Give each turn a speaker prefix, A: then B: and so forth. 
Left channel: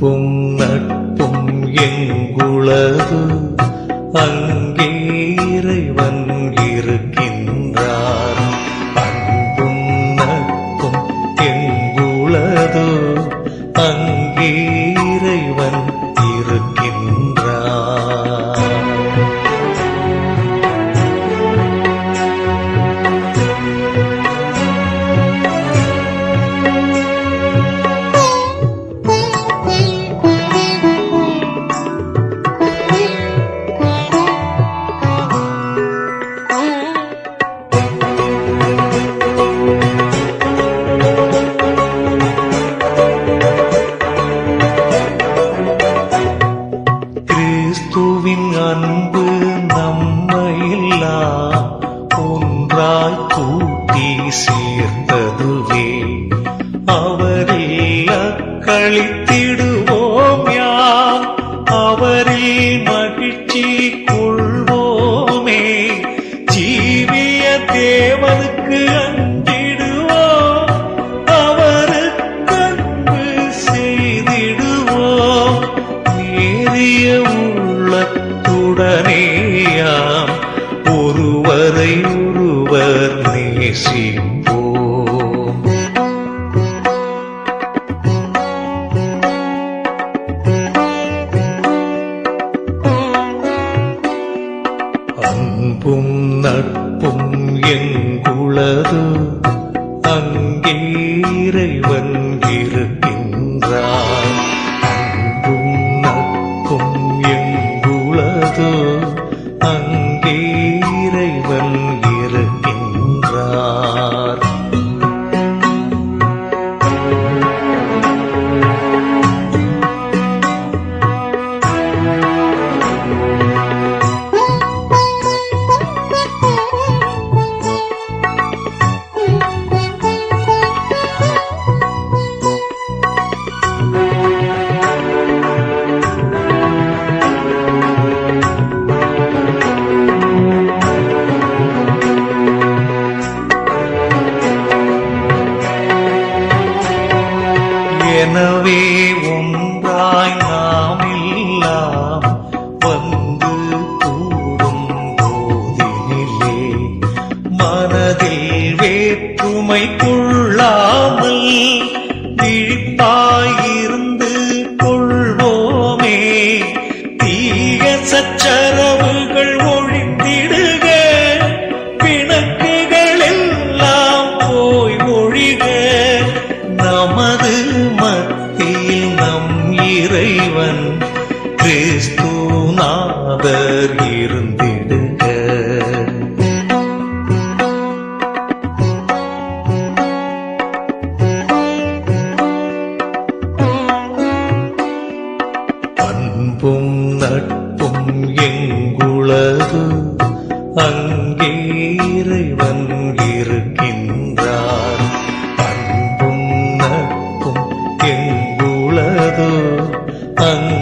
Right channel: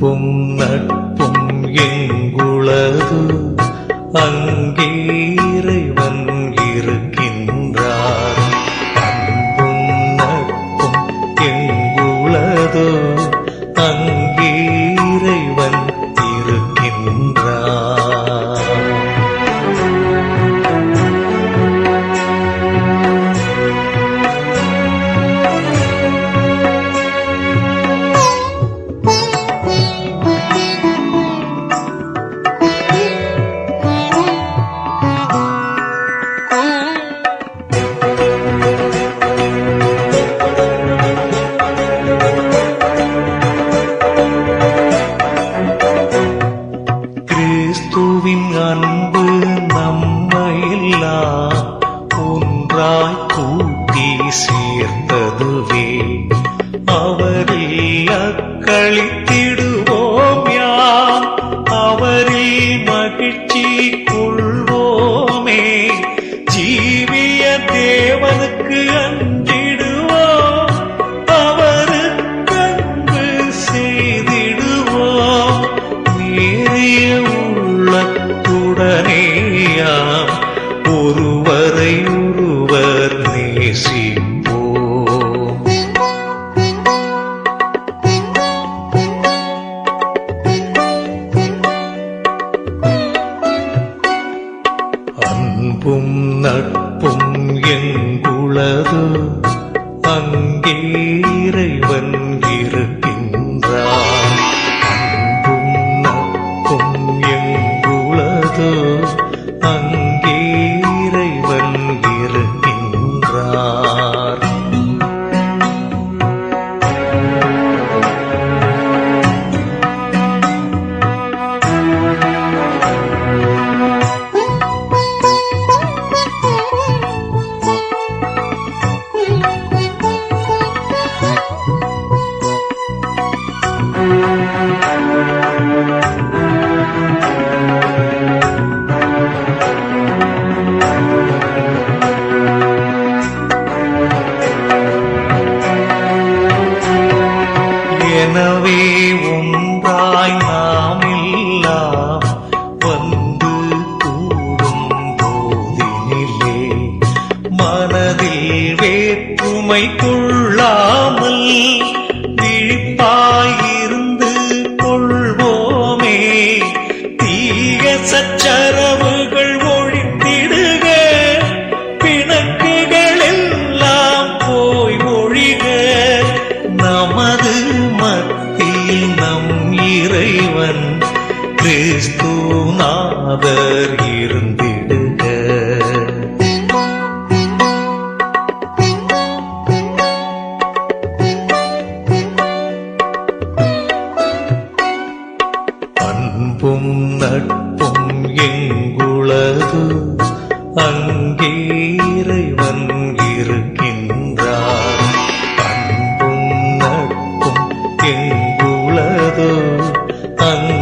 A: அன்பும் நட்பும் எங்குளது அங்கே இறைவன் இருக்கின்றார். அன்பும் நட்பும் எங்குளது அங்கே கிறிஸ்துவின் அன்பு நம்மையெல்லாம் ஒன்றாய் கூட்டி சேர்த்ததுவே. அவரில் அக்களித்திடுவோம் யாம் அவரில் மகிழ்ச்சி கொள்வோமே. ஜீ தேவனுக்கு அஞ்சிடுவோம். அவருக்கு அன்பு செய்திடுவோம். நேரிய உள்ளத்துடனேயாம். ஒருவரை ஒருவர் அன்பும் நட்பும் எங்குளது அங்கே இறைவன் இருக்கின்றார் அன்பும் நட்பும் எங்குளது அங்கே இறைவன் இருக்கின்றார். எனவே ஒன்றாய் நாம் எல்லாம் வந்து கூடும் போதினிலே. மனதில் வேற்றுமை கொள்ளாமல் விழிப்பாயிருந்து கொள்வோமே. தீய சச்சரவுகள் ஒழித்திடுக. பிணக்குகள் எல்லாம் போய் ஒழிக. நமது இறைவன் கிறிஸ்து நாதர் இருந்திடுக. அன்பும் நட்பும் எங்குளது? அங்கே இறைவன் இருக்கின்ற அன்பும் நட்பும் எங்குளது அங்கே